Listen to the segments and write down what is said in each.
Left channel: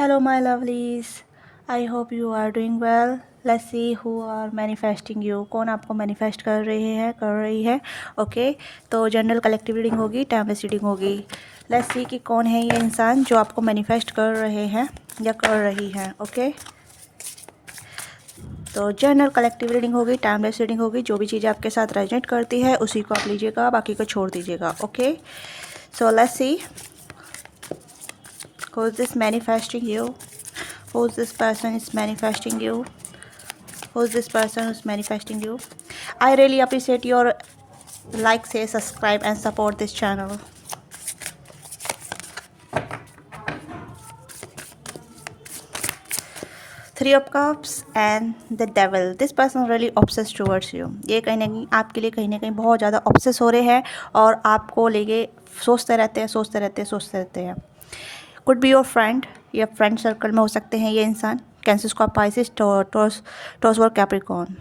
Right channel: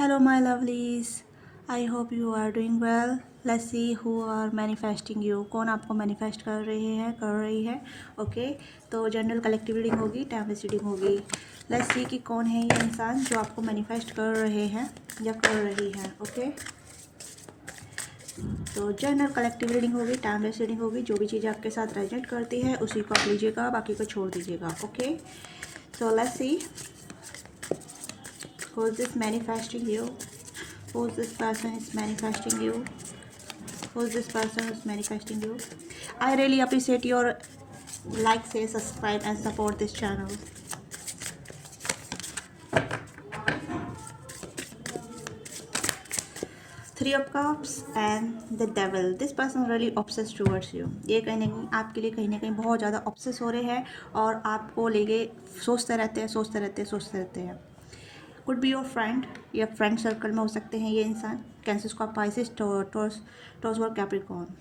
Hello, my lovelies. I hope you are doing well. Let's see who are manifesting you. कौन आपको manifest कर रही है okay तो जनरल कलेक्टिव रीडिंग होगी, टाइमलेस रीडिंग होगी. लेट्स सी कि कौन है ये इंसान जो आपको मैनिफेस्ट कर रहे हैं या कर रही है. ओके तो जनरल कलेक्टिव रीडिंग होगी, टाइमलेस रीडिंग होगी. जो भी चीज़ आपके साथ रेजोनेट करती है उसी को आप लीजिएगा, बाकी को छोड़ दीजिएगा. Okay so let's see who is this manifesting you. Who's this person is manifesting you? Who's this person who's manifesting you? I really appreciate your like, share, subscribe and support this channel. Three of Cups and the Devil. This person really obsessed towards you. ये कहीं ना कहीं आपके लिए कहीं ना कहीं बहुत ज़्यादा ऑब्सेस हो रहे हैं और आपको लेके सोचते रहते हैं. कुड बी योर फ्रेंड या फ्रेंड सर्कल में हो सकते हैं ये इंसान. कैंसर, स्कॉर्पियो, पाइसिस, टॉरस और Capricorn.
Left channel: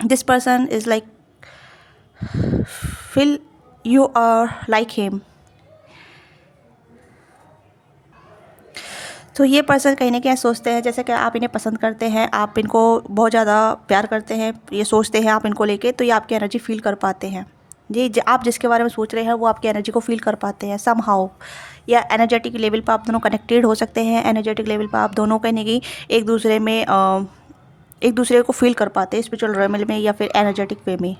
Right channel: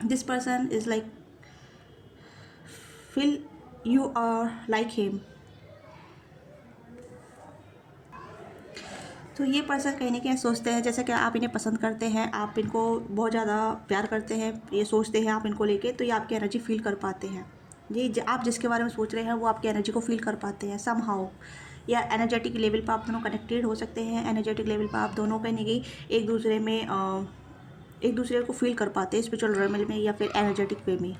This person is like feel you are like him. तो ये पर्सन कहीं ना कहीं सोचते हैं जैसे कि आप इन्हें पसंद करते हैं, आप इनको बहुत ज़्यादा प्यार करते हैं, ये सोचते हैं आप इनको लेके, तो ये आपकी एनर्जी फील कर पाते हैं. जी आप जिसके बारे में सोच रहे हैं वो आपकी एनर्जी को फील कर पाते हैं सम हाउ. या एनर्जेटिक लेवल पर आप दोनों कनेक्टेड हो सकते हैं. एनर्जेटिक लेवल पर आप दोनों कहीं ना कहीं एक दूसरे को फील कर पाते हैं स्पिरिचुअल रेमल में या फिर एनर्जेटिक वे में.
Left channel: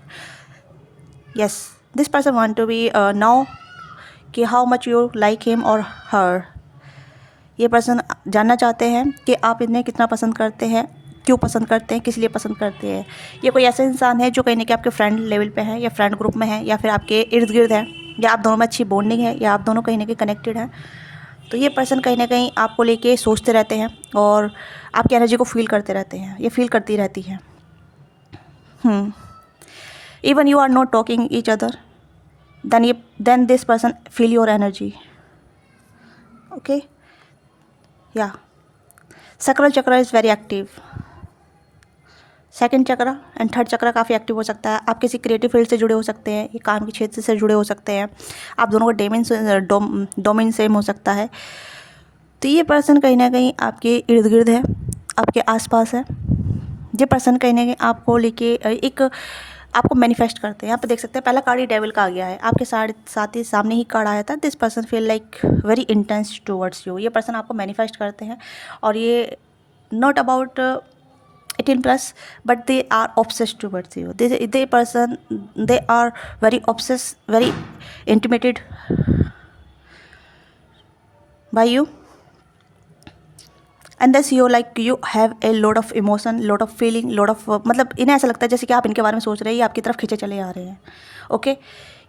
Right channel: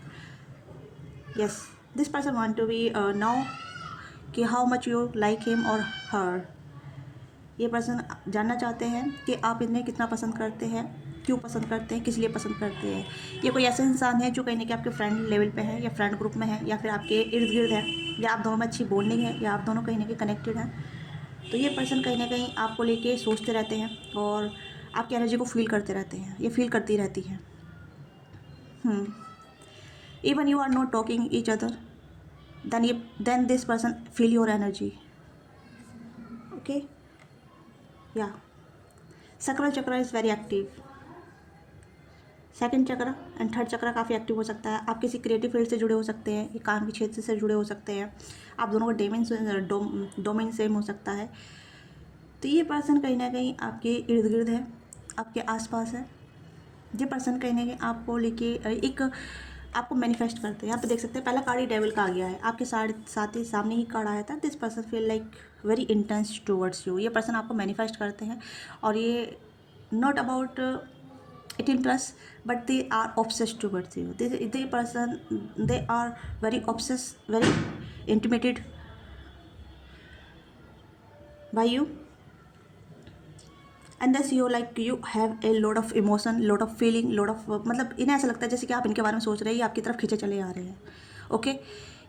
Yes this person want to be now कि how much you like him और हर. ये पर्सन जानना चाहते हैं कि आप इन्हें कितना पसंद करते हैं, क्यों पसंद करते हैं, किस लिए पसंद करते हैं. ये कोई ऐसा इंसान है जो कहीं ना कहीं आपके फ्रेंड लेवल पे है या फ्रेंड ग्रुप में है या फिर आपके इर्द गिर्द है, या आप दोनों में अच्छी बॉन्डिंग है, या आप दोनों कहीं ना कहीं कनेक्टेड हैं. तो ये पर्सन कहीं ना कहीं आपको लेके सोचते रहते हैं और आपकी एनर्जी को फील करते रहते हैं. ये फील करती रहती है. Even you are not talking each other then this person feel your energy. Okay या sacral chakra is very active. Second chakra and third chakra काफ़ी एक्टिव हो सकता है. आप किसी क्रिएटिव फील्ड से जुड़े हो सकते हैं, ये काम के क्षेत्र से जुड़े हो सकते हैं. आप दोनों का डोमेन सेम हो सकता है. तो ये पर्सन कहीं ना कहीं आपके इर्द गिर्द है, आपके आसपास है. ये पर्सन कहीं ना कहीं आपको लेके एक आपको मैनिफेस्ट करते हैं. यहाँ पे देख सकते हैं पहला कार्ड ही डेविल का आ गया है. आपके साथ ही सामने ही कार्ड आया था. This person feel like very intense towards you. ये पर्सन आपको मैनिफेस्ट करते हैं और ये not about 18+, but they are obsessed towards you. They are very obsessed, very intimidated by you. And thus you have a lot of emotion, lot of feeling, lot of मतलब इन्हें ऐसा लगता है जैसे कि आप इनके बारे में सोच रहे हैं, ये आपकी तरफ खींचे चले आ रहे हैं. ओके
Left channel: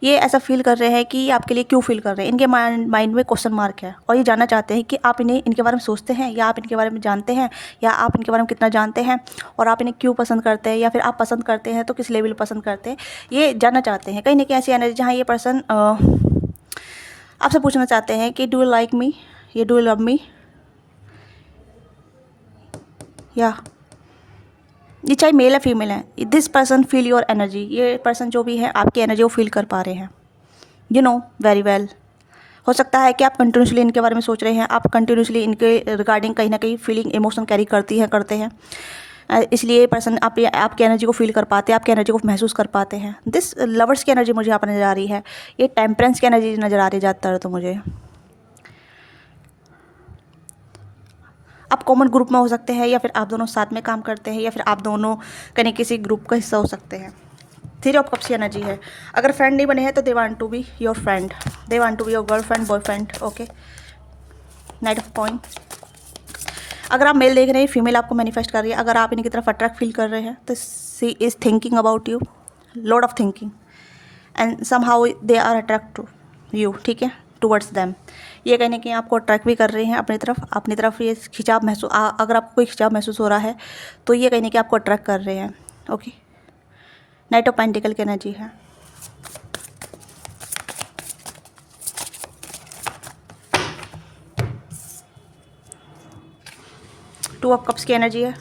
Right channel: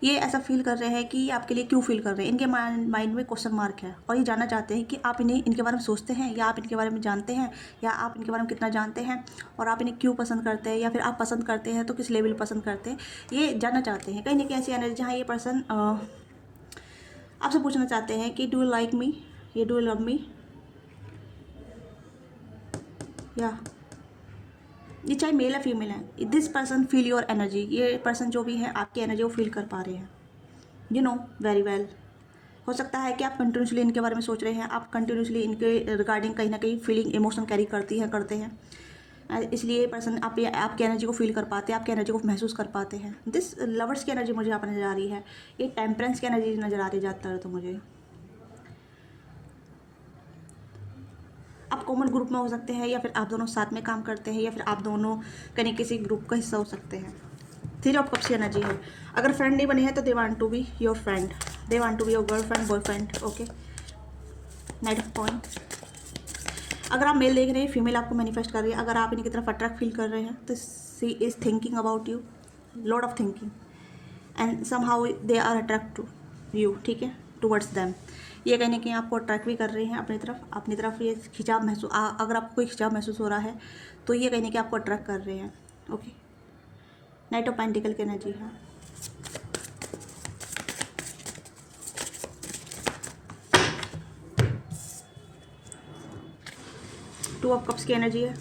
ये ऐसा फील कर रहे हैं कि ये आपके लिए क्यों फील कर रहे हैं. इनके माइंड में क्वेश्चन मार्क है और ये जानना चाहते हैं कि आप इनके बारे में सोचते हैं, या आप इनके बारे में जानते हैं, या आप इनके बारे में कितना जानते हैं, और आप इन्हें क्यों पसंद करते हैं, या फिर आप पसंद करते हैं तो किस लेवल पसंद करते हैं. ये जानना चाहते हैं. कहीं ना कहीं ऐसी एनर्जी जहाँ ये पर्सन आपसे पूछना चाहते हैं कि डू यू लाइक मी, या डू यू लव मी. या ये चाहे मेल या फीमेल है, this person feel your energy. ये पर्सन जो भी है आपकी एनर्जी को फील कर पा रहे हैं. You know very well. हो सकता है कि आप कंटिन्यूसली इनके बारे में सोच रहे हैं, आप कंटिन्यूसली इनके रिगार्डिंग कहीं ना कहीं फीलिंग इमोशन कैरी करते हैं. इसलिए ये पर्सन आपकी एनर्जी को फील कर पाते हैं, आपकी एनर्जी को महसूस कर पाते हैं. दिस लवर्स की एनर्जी मुझे यहाँ पर नज़र आ रही है. ये टेम्परेंस की एनर्जी नज़र आ रही है ज़्यादातर तो मुझे. आप कॉमन ग्रुप में हो सकते हैं, या फिर आप दोनों साथ में काम करते हैं, या फिर आप दोनों कहीं किसी ग्रुप का हिस्सा हो सकते हैं. थ्री ऑफ कप्स की एनर्जी है. अगर फ्रेंड नहीं बने हैं तो they want to be your friend, they want to be your girlfriend, boyfriend. Okay knight of coin. अगर आप मेल देख रहे हैं, फीमेल आपको मैनिफेस्ट कर रही है. अगर आप इनकी तरफ अट्रैक्ट फील कर रहे हैं तो she is thinking about you, lot of thinking, and somehow they are attract to you. ठीक है टूवर्ड्स दैम. ये कहीं ना कहीं आपको अट्रैक्ट भी कर रहे हैं अपनी तरफ ये खिंचाव महसूस, अगर आपको कोई खिंचाव महसूस हो रहा है तो ये कहीं ना कहीं आपको अट्रैक्ट कर रहे हैं. ओके नाइट ऑफ पेंटिकल की एनर्जी है. टू ऑफ कप्स की एनर्जी है.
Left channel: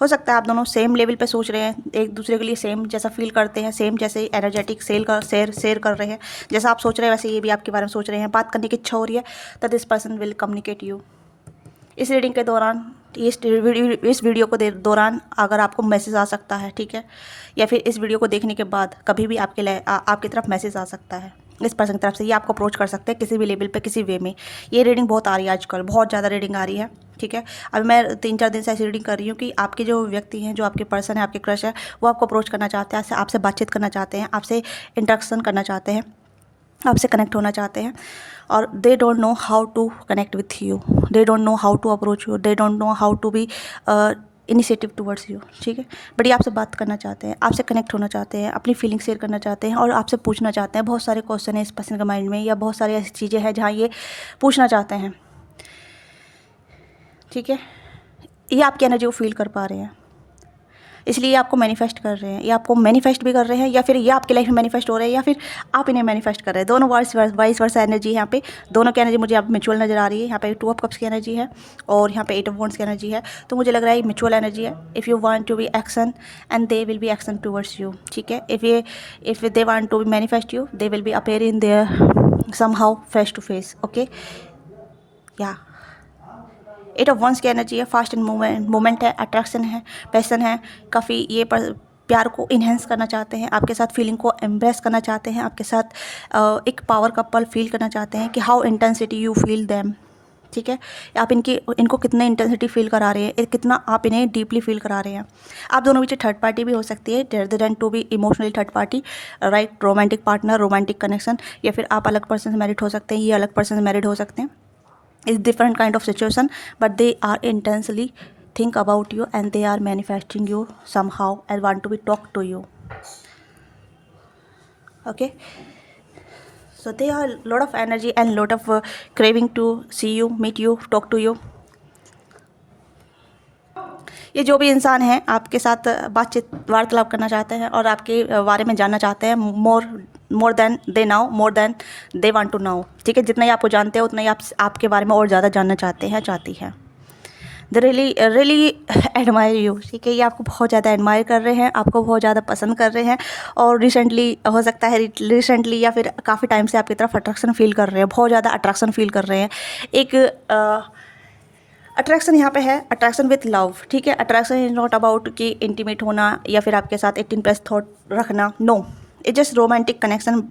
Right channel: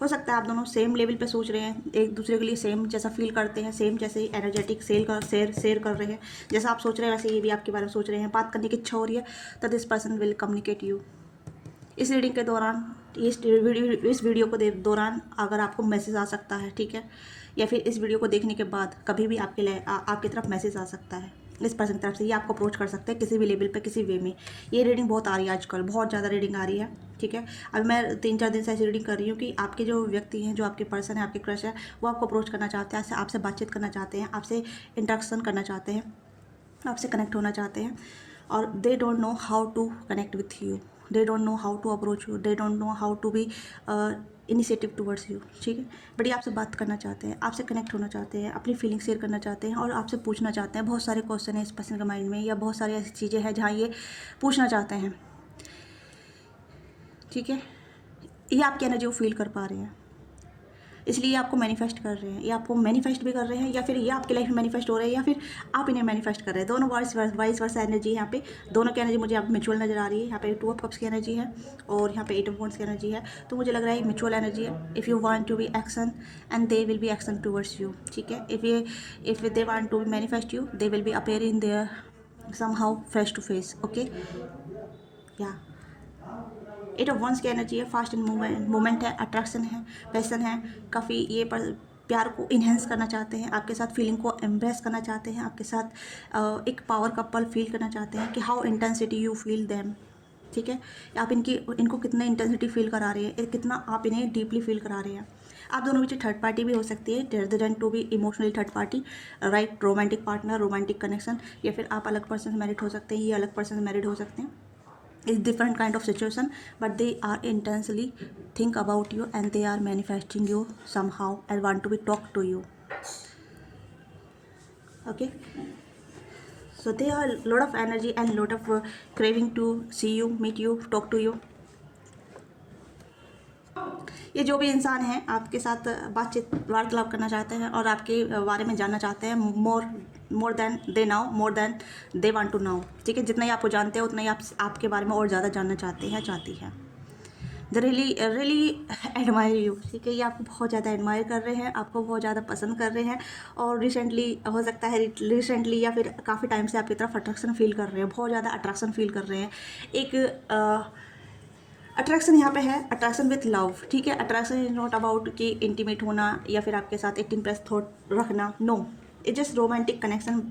हो सकता है आप दोनों सेम लेवल पे सोच रहे हैं, एक दूसरे के लिए सेम जैसा फील करते हैं, सेम जैसे एनर्जेटिक शेयर कर रहे हैं. जैसा आप सोच रहे हैं वैसे ये भी आपके बारे में सोच रहे हैं. बात करने की इच्छा हो रही है तो this person will communicate you. इस रीडिंग के दौरान, इस वीडियो को दौरान अगर आपको मैसेज आ सकता है, ठीक है, या फिर इस वीडियो को देखने के बाद कभी भी आपकी तरफ मैसेज आ सकता है इस पर्सन की तरफ से। ये आपको अप्रोच कर सकते हैं किसी भी लेवल पे, किसी वे में। ये रीडिंग बहुत आ रही है आजकल, बहुत ज़्यादा रीडिंग आ रही है, ठीक है। अभी मैं 3-4 दिन से ऐसी रीडिंग कर रही हूँ कि आपके जो व्यक्ति हैं, जो आपके पर्सन है, आपके क्रश है, वो आपको अप्रोच करना चाहते हैं, आपसे बातचीत करना चाहते हैं, आपसे इंटरेक्शन करना चाहते हैं, आपसे कनेक्ट होना चाहते हैं। और they don't know how to connect with you, they don't know how to approach you, they don't know how to be initiative towards you, ठीक है। बट ये आपसे बात करना चाहते हैं, आपसे कनेक्ट होना चाहते हैं, अपनी फीलिंग शेयर करना चाहते हैं और आपसे पूछना चाहते हैं। बहुत सारे क्वेश्चन हैं इस पर्सन के माइंड में, या बहुत सारी ऐसी चीज़ें हैं जहाँ ये पूछना चाहते हैं, ठीक है। ये आपकी एनर्जी को फील कर पा रहे हैं, इसलिए ये आपको मैनिफेस्ट कर रहे हैं। ये आपको मैनिफेस्ट भी कर रहे हैं, या फिर ये आपकी लाइफ में मैनिफेस्ट हो रहे हैं, या फिर आप इन्हें मैनिफेस्ट कर रहे हैं। दोनों वाइस वर्सा एनर्जी है यहाँ पे। दोनों की एनर्जी मुझे यहाँ पे म्यूचुअल नज़र आ रही है। यहाँ पे 2 ऑफ कप्स की एनर्जी है और यहाँ पे 8 ऑफ वॉन्ड्स की एनर्जी है। तो मुझे लग रहा है ये म्यूचुअल एनर्जी है। If you want to be action and they will be action towards you, ठीक है। If they want to manifest you, they will be appear in their somehow face to face, okay. या 8 of wands की energy है, fast and moment है, attraction है, passion है काफ़ी। ये प्यार को इन्हेंस करना चाहते हैं, आपके साथ फीलिंग को एम्ब्रेस करना चाहते हैं, आपके साथ एक पावर का पल फील करना चाहते हैं कि how intensity you feel them, ठीक है। आप इनको कितने इंटेंसिटी फील करा रहे हैं, कितना आप इन्हें डीपली फील करा रहे हैं। आप दोनों बीच थर्ड पार्टी भी हो सकती है, rather than to be emotionally third party, right. Romantic partner, romantic connection, या फिर आप अलग पर्सन से मैरिड हो सकते हैं, ये अलग पर्सन से मैरिड हो सकते हैं। It's different kind of situation, but they are intensely think about you and they are manifesting you somehow and want to be talk to you, okay. So they are lot of energy and lot of craving to see you, meet you, talk to you. ये जो भी इंसान है आपके साथ बातचीत वार्तालाप करना चाहते हैं और आपके बारे में जानना चाहते हैं, more than they now, more than they want to now, ठीक है। जितना ही आपको जानते हैं उतना ही आपके बारे में और ज़्यादा जानना चाहते हैं, चाहती है। दे रियली एडमायर यू, ठीक है। ये आपको बहुत ज़्यादा एडमायर कर रहे हैं, आपको बहुत ज़्यादा पसंद कर रहे हैं और रिसेंटली हो सकता है, रिसेंटली या फिर काफ़ी टाइम से आपकी तरफ अट्रैक्शन फील कर रहे हैं, बहुत ज़्यादा अट्रैक्शन फील कर रहे हैं। एक अट्रैक्शन यहाँ पे है, अट्रैक्शन विथ लव, ठीक है। अट्रैक्शन इज नॉट अबाउट कि इंटीमेट होना या फिर आपके साथ 18+ थॉट रखना, no. It just romantic connection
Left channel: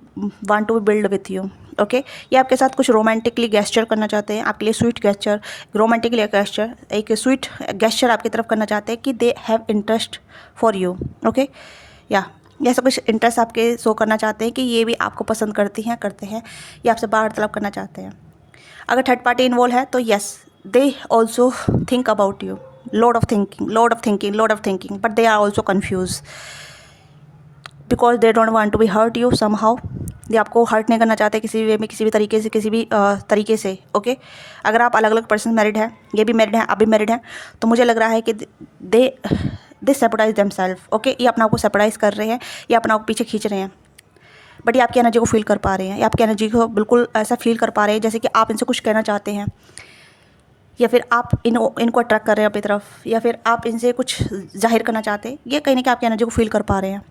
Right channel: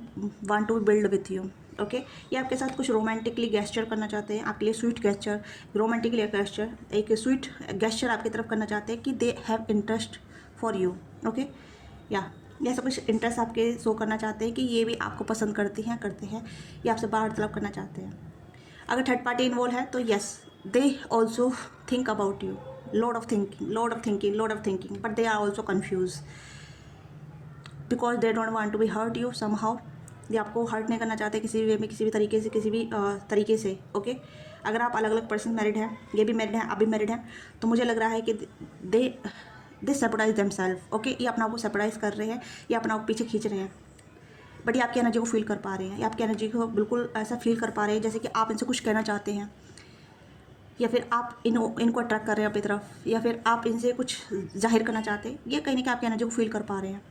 want to build with you, okay. ये आपके साथ कुछ रोमांटिकली गेस्चर करना चाहते हैं, आपके लिए स्वीट गेस्चर, रोमांटिकली गेस्चर, एक स्वीट गेस्चर आपकी तरफ करना चाहते हैं कि they have interest for you, okay. या ऐसा कुछ इंटरेस्ट आपके शो करना चाहते हैं कि ये भी आपको पसंद करते हैं, ये आपसे वार्तालाप करना चाहते हैं। अगर थर्ड पार्टी इन्वॉल्व है तो yes, they also think about you, lot of thinking, but they are also confused because they don't want to be hurt you somehow. ये आपको हर्ट नहीं करना चाहते किसी भी वे में, किसी भी तरीके से, ओके। अगर आप अलग अलग पर्सन मैरिड हैं, ये भी मैरिड हैं, आप भी मैरिड हैं, तो मुझे लग रहा है कि दे सेपराइज देमसेल्फ, ओके। ये अपना आपको सेपराइज कर रहे हैं, ये अपना आपको पीछे खींच रहे हैं, बट ये आपकी एनर्जी को फील कर पा रहे हैं, ये आपकी एनर्जी को बिल्कुल ऐसा फील कर पा रहे हैं जैसे कि आप इनसे कुछ कहना चाहते हैं, या फिर आप इनको अट्रैक्ट कर रहे हैं अपनी तरफ, या फिर आप इनसे कुछ जाहिर करना चाहते हैं। ये कहीं ना कहीं आपकी एनर्जी को फील कर पा रहे हैं।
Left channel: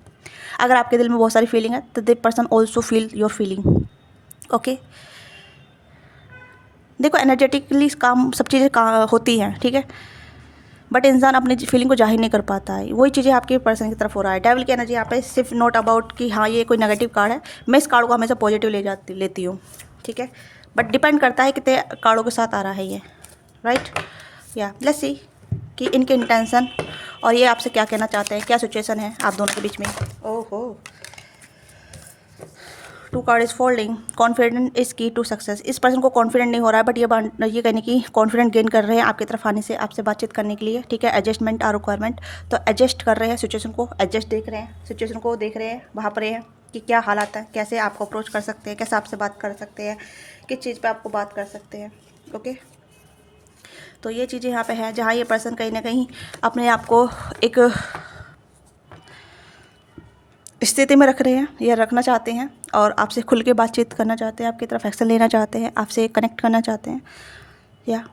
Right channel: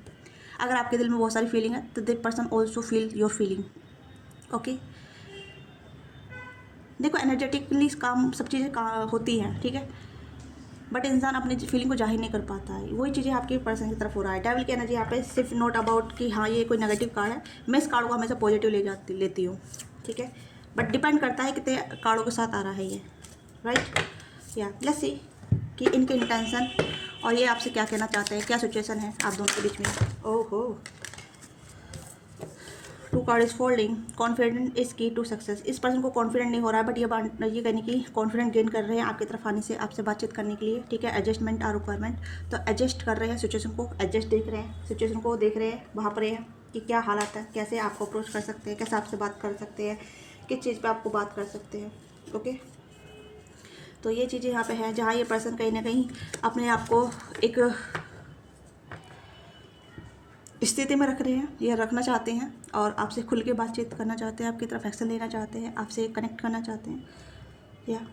अगर आपके दिल में बहुत सारी फीलिंग है तो the person also feel your feeling, okay. देखो एनर्जेटिकली काम सब चीज़ें होती हैं, ठीक है, बट इंसान अपनी फीलिंग को जाहिर नहीं कर पाता है। वही चीज़ें आपके पर्सन की तरफ हो रहा है। डेविल की एनर्जी यहाँ पे सिर्फ नॉट अबाउट कि हाँ ये कोई नेगेटिव कार्ड है, मैं इस कार्ड को हमेशा पॉजिटिव लेती हूँ, ठीक है। बट डिपेंड करता है कितने कार्डों के साथ आ रहा है ये, राइट। या लेट्स सी कि इनके इंटेंशन और ये आपसे क्या कहना चाहते हैं, क्या सिचुएशन है आप दोनों के बीच में। ओहो, 2 card is folding. Confident is की टू सक्सेस। इस पर्सन को कॉन्फिडेंट नहीं हो रहा है, बट ये कहने की कॉन्फिडेंट गेन कर रहे हैं आपकी तरफ आने से, आपसे बातचीत करने के लिए, ठीक है। एडजस्टमेंट आर रिक्वायरमेंट, तो एडजस्ट कर रहे हैं सिचुएशन को, देख रहे हैं सिचुएशन को, देख रहे हैं वहाँ पर हैं कि क्या हालात है, कैसे आपको अप्रोच कर सकते हैं, कैसे आपसे बात कर सकते हैं, किस चीज़ पर आपको बात कर सकते हैं, ओके। तो ये चीज़ें यहाँ पे हैं जहाँ ये पर्सन कहीं ना कहीं अपने आप को एक स्थिति में रख रहे हैं या रखना चाहते हैं और आपसे खुल के बातचीत करना चाहते हैं, आपकी तरफ एक्शन लेना चाहते हैं, आपसे कनेक्ट करना चाहते हैं। या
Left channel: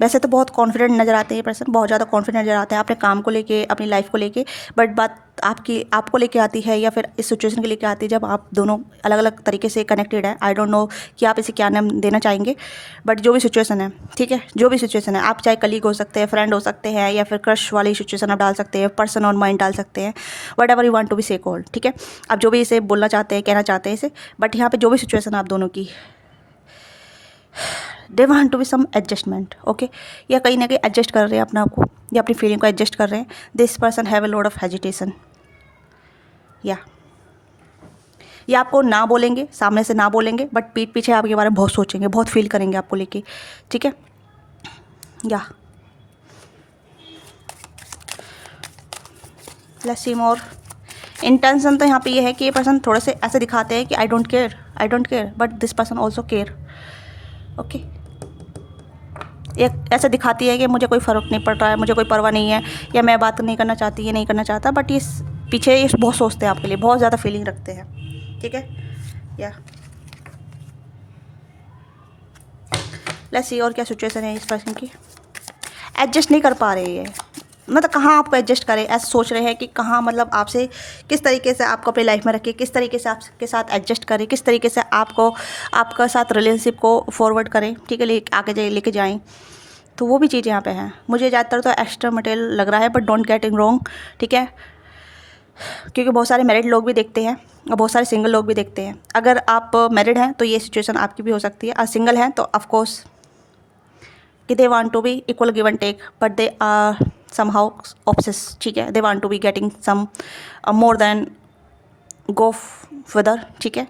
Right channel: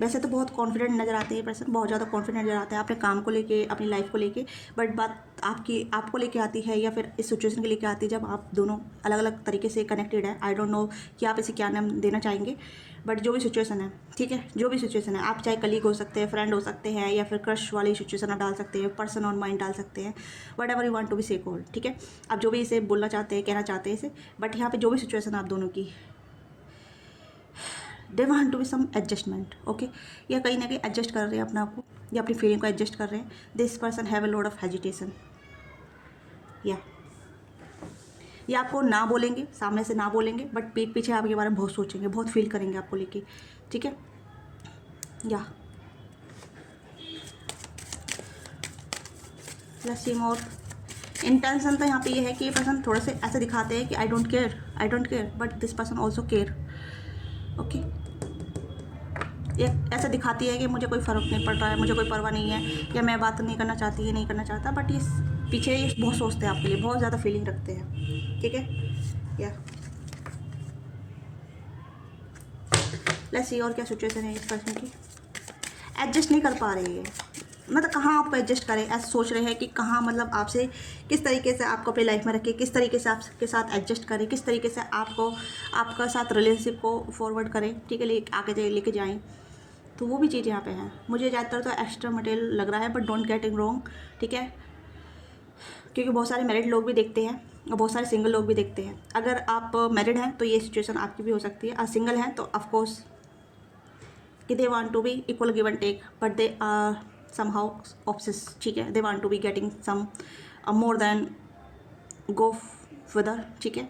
वैसे तो बहुत कॉन्फिडेंट नज़र आते हैं पर्सन, बहुत ज़्यादा कॉन्फिडेंट नज़र आते हैं अपने काम को लेके, अपनी लाइफ को लेके, बट बात आपको लेके आती है या फिर इस सिचुएशन के लेके आती है जब आप दोनों अलग अलग तरीके से कनेक्टेड है। आई डोंट नो कि आप इसे क्या नाम देना चाहेंगे, बट जो भी सिचुएशन है, ठीक है, जो भी सिचुएशन है, आप चाहे कलीग हो सकते हैं, फ्रेंड हो सकते हैं, या फिर क्रश वाली सिचुएशन आप डाल सकते हैं, पर्सन ऑन माइंड डाल सकते हैं, whatever you want to be say called, ठीक है। आप जो भी इसे बोलना चाहते हैं, कहना चाहते हैं इसे, बट यहाँ पे जो भी सिचुएशन है आप दोनों की, they want to be some adjustment, okay, या कहीं ना कहीं एडजस्ट कर रहे हैं अपने आप को या अपनी फीलिंग को एडजस्ट कर रहे हैं। This person have a lot of hesitation, या आपको ना बोलेंगे, सामने से ना बोलेंगे, बट पीठ पीछे आपके बारे में बहुत सोचेंगे, बहुत फील करेंगे आपको लेके, ठीक है। या लेट्स सी मोर। इंटेंशन तो यहाँ पे ये है कि ये पर्सन थोड़े से ऐसे दिखाते हैं कि I don't care, but this person also care, okay. ये ऐसा दिखाती है कि मुझे कोई फ़र्क नहीं पड़ रहा है, मुझे कोई परवाह नहीं है, या मैं बात नहीं करना चाहती, ये नहीं करना चाहता, बट ये पीछे ये बहुत सोचते हैं आपके लिए, बहुत ज़्यादा फीलिंग रखते हैं, ठीक है। या लेट्स सी और क्या सिचुएशन है इस पर्सन की। एडजस्ट नहीं कर पा रहे हैं, मतलब कहाँ आपको एडजस्ट करें, ऐसा सोच रहे हैं कि कहाँ, मतलब आपसे किस तरीके से आपको अपनी लाइफ में रखें, किस तरीके से आपके साथ एडजस्ट करें, किस तरीके से आपका साथ रिलेशनशिप को फॉरवर्ड करें, ठीक है, आगे लेके जाएं। तो वो भी चीज़ यहाँ पे है। मुझे ज़्यादातर तो एक्स्ट्रा मटेरियल लग रहा है, but don't get it wrong, ठीक है, क्योंकि बहुत सारे मैरिड लोग भी देखते हैं और बहुत सारे सिंगल लोग भी देखते हैं। अगर आप मैरिड हैं तो ये सिचुएशन आपकी भी हो सकती है, और सिंगल हैं तो ऑफकोर्स कि they want to be equal give and take, but they are somehow obsess, ठीक है, they want to be getting some more than go further, ठीक है।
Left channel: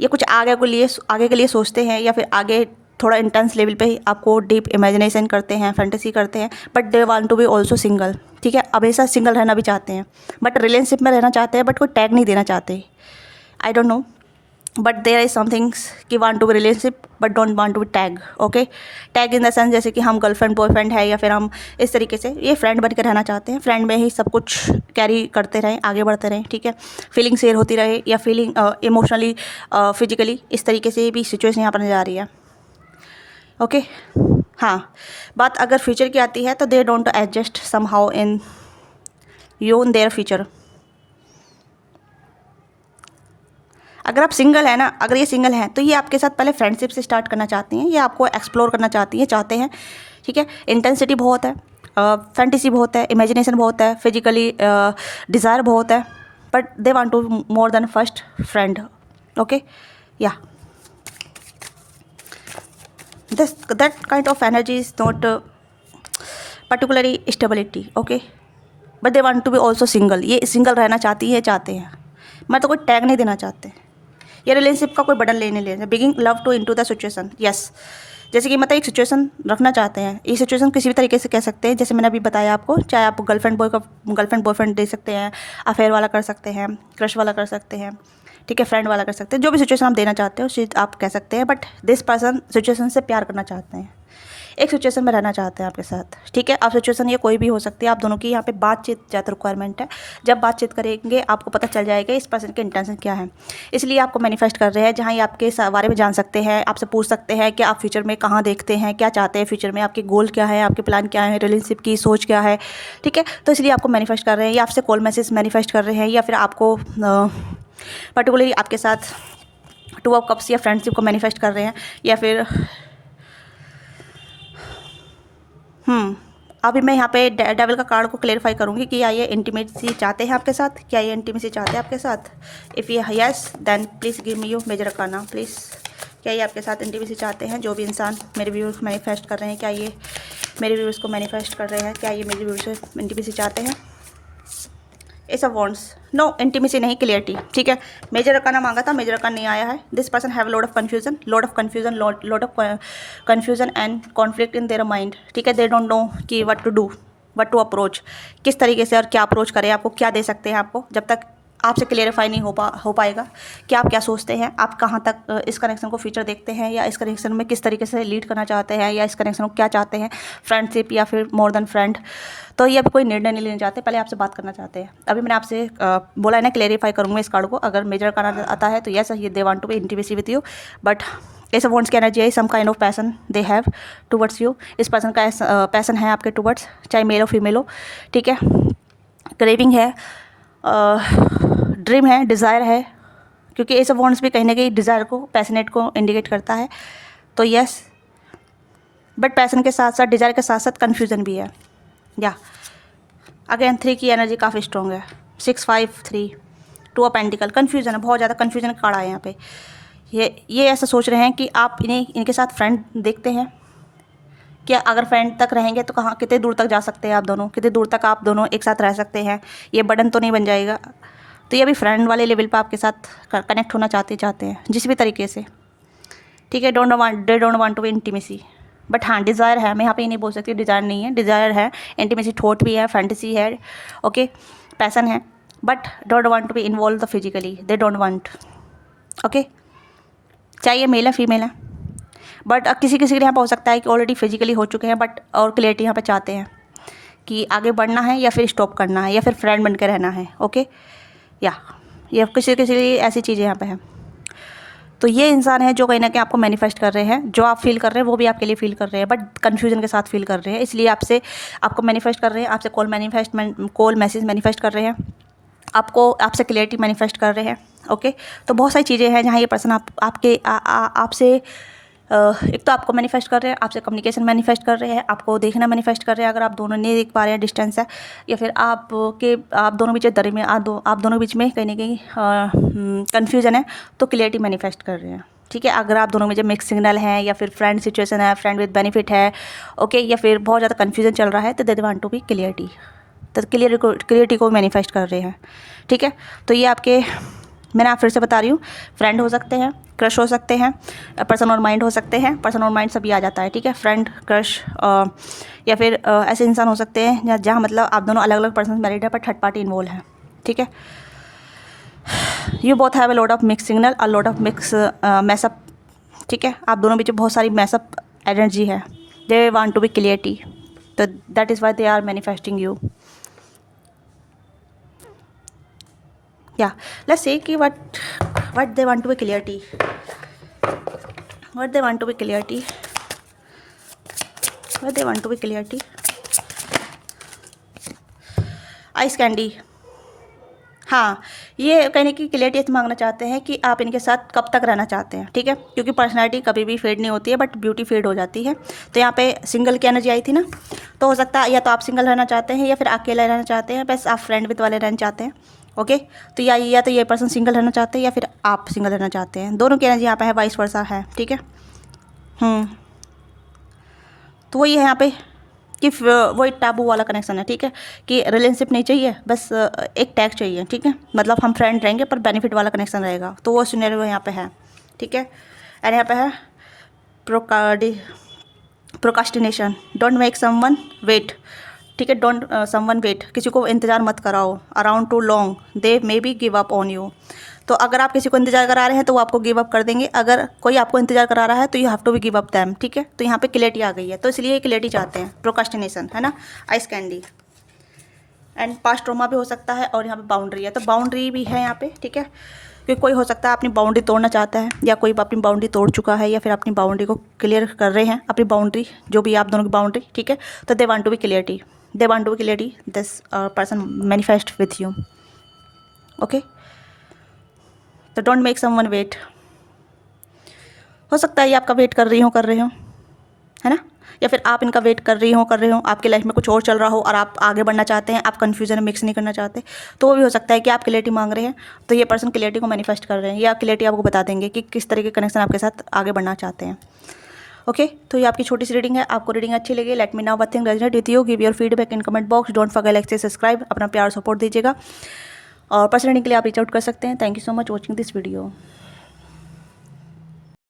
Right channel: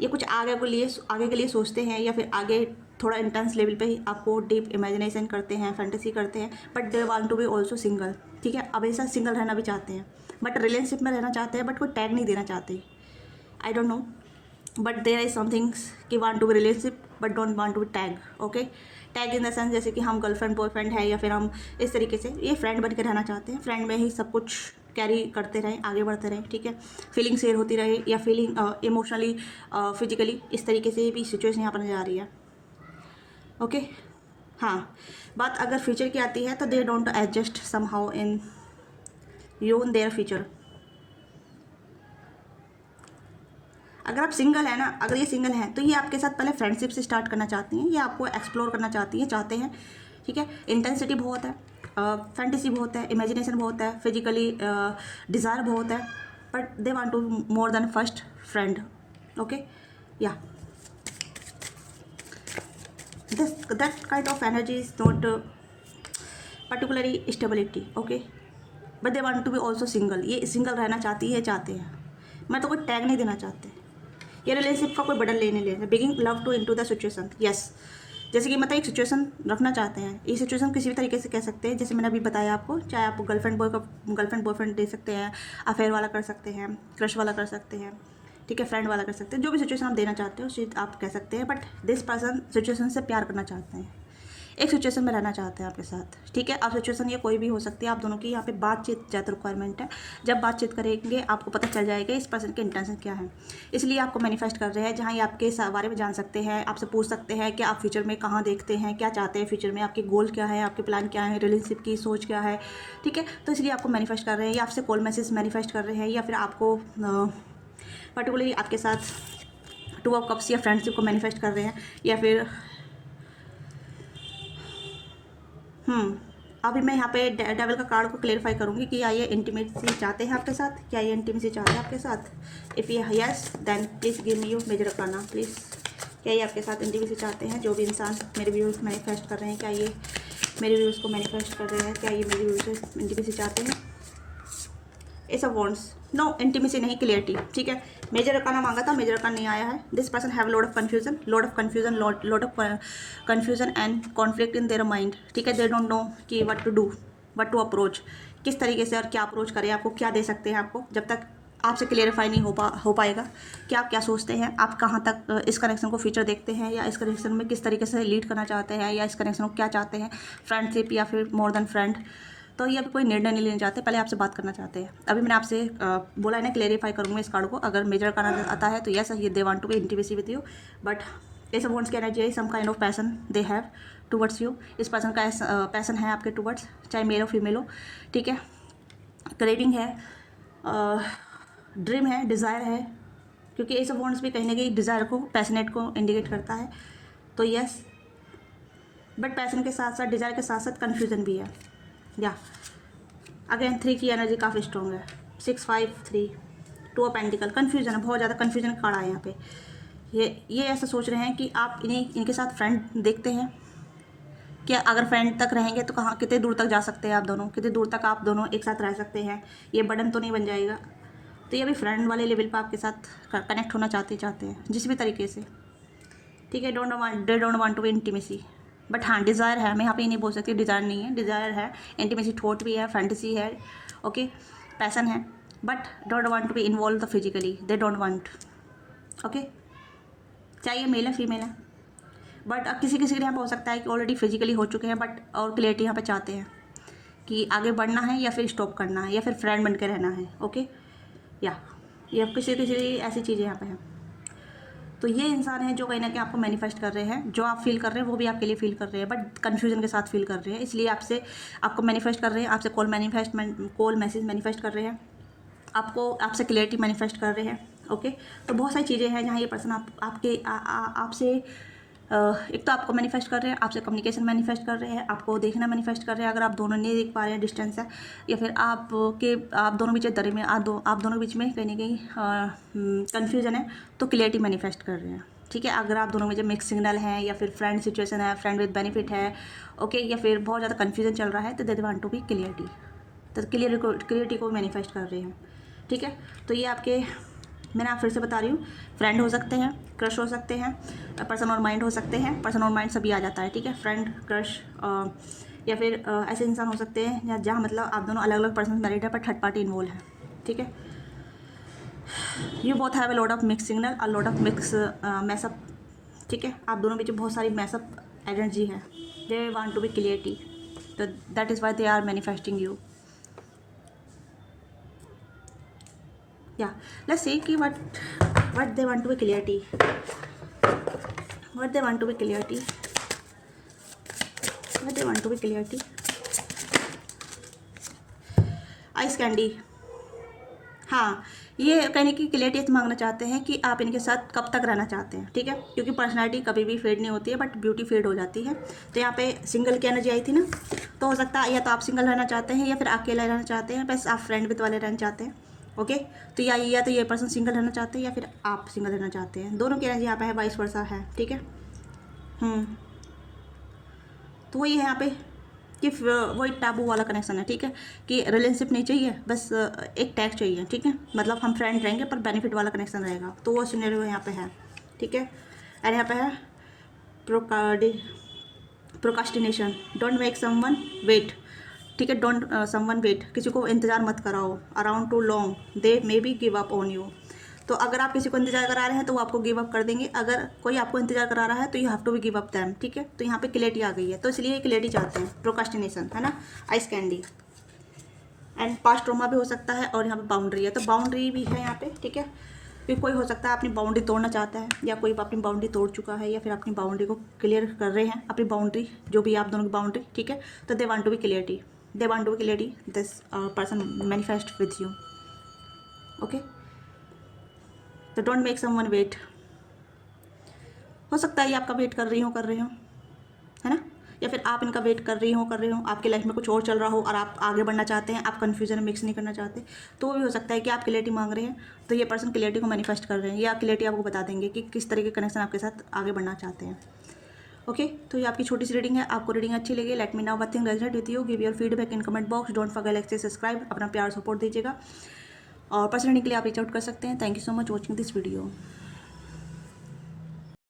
ये कुछ आगे के लिए सोचते हैं, या फिर आगे थोड़ा इंटेंस लेवल पे ही आपको डीप इमेजिनेशन करते हैं, फैंटेसी करते हैं, but they want to be also single, ठीक है। हमेशा सिंगल रहना भी चाहते हैं, बट रिलेशनशिप में रहना चाहते हैं, बट कोई टैग नहीं देना चाहते। I don't know, but there is somethings कि want to be relationship but don't want to be tag, okay. Tag in the sense जैसे कि हम गर्लफ्रेंड बॉयफ्रेंड है, या फिर हम इस तरीके से ये फ्रेंड बन के रहना चाहते हैं, फ्रेंड में ही सब कुछ कैरी करते रहें, आगे बढ़ते रहें, ठीक है। फीलिंग शेयर होती रहे, या फीलिंग इमोशनली फिजिकली, इस तरीके से भी सिचुएशन यहाँ पर नजर आ रही है, ओके। हाँ, बात अगर फ्यूचर की आती है तो they don't adjust somehow in you in their future. अगर आप सिंगल है ना, अगर ये सिंगल हैं तो ये आपके साथ पहले फ्रेंडशिप से स्टार्ट करना चाहती हैं, ये आपको एक्सप्लोर करना चाहते हैं, ठीक है। इंटेंसिटी बहुत है, फैंटेसी बहुत है, इमेजिनेशन बहुत है, फिजिकली डिज़ायर बहुत है, but they want to more than first friend, okay. या that kind of energy is not particularly stability, okay, but they want to be also single। ये सिंगल रहना चाहते हैं, मैं तो कोई टैग नहीं देना चाहते, ये रिलेशनशिप का कोई बटन लेने begging love to into the situation, yes. जैसे कि मतलब एक सिचुएशन रखना चाहते हैं, ये सिचुएशन किसी भी तरीके से कह सकते हैं, जैसे मैंने अभी बताया आपको, चाहे आप गर्लफ्रेंड बॉयफ्रेंड दे सकते हैं, अफेयर वाला कर सकते हैं, क्रश वाला कर सकते हैं, ठीक है, फ्रेंड वाला कर सकते हैं, जो भी सिचुएशन आप देना चाहते हो उसे आप कह सकते हैं, बट दिस पर्सन सिचुएशन से प्यार करना चाहते हैं, एक सिचुएशन में रहना चाहते हैं आपके साथ, ठीक है। आप सिचुएशन ये कोई भी हो सकती है, आप दोनों की यहाँ पे बातचीत ज़्यादा रिक्वायरमेंट है। जब बातचीत करेंगे आपको पता चल जाएगा इस पर्सन के इंटेंशन क्या है, इसलिए आपको मैनिफेस्ट कर रहे हैं, जहाँ ये आपके बारे में जान सकते हैं, आपसे पूछ सकते हैं कि आप फ्यूचर में कहाँ देखते हैं, क्या चाहते हैं फ्यूचर में, आपके गोल क्या है, आपके प्लान क्या है, रिलेशनशिप की सोच क्या है, ठीक है। तो इसलिए आपको मैनिफेस्ट कर रहे हैं, या आपसे कॉल मैसेज मैनिफेस्ट कर रहे हैं, या फिर आपको पर्टिकुलरली आपके साथ टू ऑफ कप्स या फ्रेंडशिप को मैनिफेस्ट कर रहे हैं, या फिर अभी मैं यहाँ पे डेविल का कार्ड को क्लेरिफाई करूँगी कि क्या ये इंटीमेसी चाहते हैं आपके साथ, क्या ये इंटीमेसी चाहते हैं आपके साथ। इफ़ ये yes then please give me you major करना प्लीज़। क्या ये आपके साथ इंटीमेसी चाहते हैं, जो भी इंसान मेरे व्यूअर्स को मैनिफेस्ट कर रहे हैं, क्या ये मेरे व्यूअर्स को मैनिफेस्ट कर रहे हैं, क्या ये मेरे व्यूअर्स से इंटीमेसी चाहते हैं। Ace of wands, no intimacy नहीं, क्लियरिटी, ठीक है। मेजर अरकाना मांगा था, मेजर अरकान नहीं आया है। This person have lot of confusion and conflict in their mind, ठीक है। दे डोंट नो कि what to do, what to approach, किस तरीके से और क्या अप्रोच करें, आपको क्या दे सकते हैं। आपको जब तक आपसे क्लियरिफाई नहीं हो पाएगा कि आप क्या सोचते हैं, आप कहाँ तक इस कनेक्शन को फ्यूचर देखते हैं, या इस कनेक्शन में किस तरीके से लीड करना चाहते हैं, या इस कनेक्शन को क्या चाहते हैं, फ्रेंडशिप या फिर मोर देन फ्रेंड। तो ये अभी कोई निर्णय नहीं लेना चाहते, पहले आपसे बात करना चाहते हैं। अभी मैंने आपसे बोला है ना, क्लेरिफाई करूँगा इस कार्ड को। अगर मेजर कार्ड आता है तो यस, ये they want to be intimacy with you, but ace of wands की एनर्जी है, some kind of passion they have towards you. इस पर्सन का पैसन है आपके टुवर्ड्स, चाहे मेल हो फीमेल हो, ठीक है। क्रेविंग है, ड्रीम है, डिज़ायर है, क्योंकि एस ऑफ वॉन्ड्स भी कहीं ना कहीं डिज़ायर को, पैशनेट को इंडिकेट करता है। तो यस, बट पैसन के साथ साथ, डिज़ायर के साथ साथ कन्फ्यूज़न भी है। या अगेन 3 की एनर्जी काफ़ी स्ट्रॉन्ग है, 6 5 3 2 ऑफ पेंटिकल, कन्फ्यूज़न है, बहुत ज़्यादा कन्फ्यूज़न का कार्ड है यहाँ पे। ये ऐसा सोच रहे हैं कि आप इनके साथ फ्रेंड देखते हैं कि अगर फ्रेंड तक रहेंगे तो कहाँ, कितने दूर तक जा सकते हैं आप दोनों, कितने दूर तक आप दोनों एक साथ रह सकते हैं, ये बर्डन तो नहीं बन जाएगा। तो ये अभी फ्रेंड वाले लेवल पर आपके साथ कनेक्ट होना चाहते हैं जिस भी तरीके से, ठीक है। They don't want to be intimacy, but हाँ डिज़ायर है, मैं यहाँ पे ये नहीं बोल सकती डिज़ायर नहीं है, डिज़ायर है, इंटीमेसी थॉट भी है, फैंटेसी है, ओके, पैसन है, but don't want to be involve physically, they don't want, okay. चाहे ये मेल है फीमेल है, बट अब किसी किसी के यहाँ पर हो सकता है कि ऑलरेडी फिजिकली हो चुके हैं, बट और क्लियरिटी यहाँ पे चाहते हैं कि आगे बढ़ना है या फिर स्टॉप करना है या फिर फ्रेंड बनकर रहना है, ओके। या ये किसी किसी लिए ऐसी चीज़ें यहाँ पे हैं। तो ये इंसान है जो कहीं ना कहीं आपको मैनिफेस्ट कर रहे हैं, जो आप फील कर रहे हैं वो भी आपके लिए फील कर रहे हैं, बट कन्फ्यूजन के साथ फील कर रहे हैं, इसलिए आपको मैनिफेस्ट कर रहे हैं, आपसे कॉल मैसेज मैनिफेस्ट कर रहे हैं, आपसे क्लियरिटी मैनिफेस्ट कर रहे हैं, ओके। तो बहुत सारी चीज़ें हैं जहाँ ये पर्सन आपसे एक तो आपको मैनिफेस्ट कर रहे हैं, आपसे कम्युनिकेशन मैनिफेस्ट कर रहे हैं, आपको देखना मैनिफेस्ट कर रहे हैं। अगर आप दोनों नहीं देख पा रहे हैं, डिस्टेंस है, या फिर आप दोनों बीच दरी में आप दोनों बीच में कहीं ना कहीं कन्फ्यूजन है, तो क्लियरिटी मैनिफेस्ट कर रहे हैं, ठीक है। अगर आप दोनों में जब मिक्स सिग्नल है या फिर फ्रेंड सिचुएशन है, फ्रेंड विद बेनिफिट है, ओके, या फिर बहुत ज़्यादा कन्फ्यूजन चल रहा है, तो they want to be clarity, तो क्लियरिटी को मैनिफेस्ट कर रहे हैं, ठीक है। तो ये आपके, मैंने आप फिर से बता रही हूँ, फ्रेंड हो सकते हैं, क्रश हो सकते हैं, पर्सन और माइंड हो सकते हैं, पर्सन और माइंड सभी आ जाता है, ठीक है। फ्रेंड, क्रश, या फिर ऐसे इंसान हो सकते हैं जहाँ मतलब आप दोनों अलग अलग पर्सन मैरिड है पर थर्ड पार्टी इन्वॉल्व है, ठीक है। You both have a lot of mix signal, a lot of mix mess up, ठीक है। आप दोनों बीच बहुत सारी मैसअप एनर्जी है, they want to be clarity, तो that is why they are manifesting you. Yeah, let's see कि what they want to be clarity, what they want to be clarity, what they want to be clarity. Ice candy, हाँ, ये कहने की clarity मांगना चाहते हैं कि आप इनके साथ कब तक रहना चाहते हैं, ठीक है। क्योंकि पर्सनैलिटी कभी भी फेड नहीं होती है, बट ब्यूटी फेड हो जाती है। तो यहाँ पे सिंगल की एनर्जी आई थी ना, तो हो सकता है या तो आप सिंगल रहना चाहते हैं या फिर अकेले रहना चाहते हैं, बस आप फ्रेंड विद वाले रहना चाहते हैं, ओके। तो या तो ये पर्सन सिंगल रहना चाहते हैं या फिर आप सिंगल रहना चाहते हैं, दोनों की एनर्जी यहाँ पे है, वाइस वर्सा है, ठीक है। तो वही है यहाँ पे कि वो एक टाबू वाला कनेक्शन है, ठीक है, कि रिलेशनशिप नहीं चाहिए, बस एक टैग चाहिए, ठीक है। मतलब हम फ्रेंड रहेंगे पर बेनिफिट वाला कनेक्शन रहेगा, तो वो सिनेरियो यहाँ पे है, ठीक है। एंड यहाँ पे है procrastination, don't make someone wait, ठीक है, डोंट समवन वेट, किसी को इंतज़ार मत कराओ, around two long they may be give up on you. तो अगर आप किसी को इंतजार करा रहे हैं तो वो आपको गिव अप कर देंगे, अगर कोई आपको इंतजार करा रहा है तो you have to be give up them, ठीक है। तो यहाँ पे क्लियरिटी आ गई है, तो इसलिए क्लियरिटी चाहते हैं, प्रोकास्टिनेशन है ना, ice candy. And past trauma भी हो सकता है, और यहाँ पे बाउंड्री है, तो बाउंड्री भी है यहाँ पे, ठीक है। क्योंकि कोई हो सकता है अपनी बाउंड्री तोड़ना चाहता है, या कोई अपनी बाउंड्री तोड़ चुका है, या फिर अपनी बाउंड्री को क्लियर कर रहे हैं, अपनी बाउंड्री जो भी आप दोनों की बाउंड्री, ठीक है। तो they want to be clarity, they want to be clarity, this person manifest with you, okay। तो don't make someone wait, हो सकता है ये आपका वेट कर रहे हो, है ना, या फिर आप इनका वेट कर रही हो, आपकी लाइफ में कुछ और चल रहा हो और आप आगे बढ़ना चाहते हैं, आप कन्फ्यूजन में मिक्स नहीं करना चाहते, तो वो भी हो सकता है कि आप क्लियरिटी मांग रहे हैं, तो ये पर्सन क्लियरिटी को मैनिफेस्ट कर रहे हैं, या क्लियरिटी आपको बता देंगे कि किस तरह के कनेक्शन आपके साथ आगे बढ़ना चाहते हैं, ओके। तो ये आपकी छोटी सी रीडिंग है, आपको रीडिंग अच्छी लगी, let me know what thing resonate with you, give your feedback in comment box, don't forget like subscribe, अपना प्यार सपोर्ट दीजिएगा, और पर्सनल रीडिंग के लिए आप रीच आउट कर सकते हैं। Thank you so much watching this video.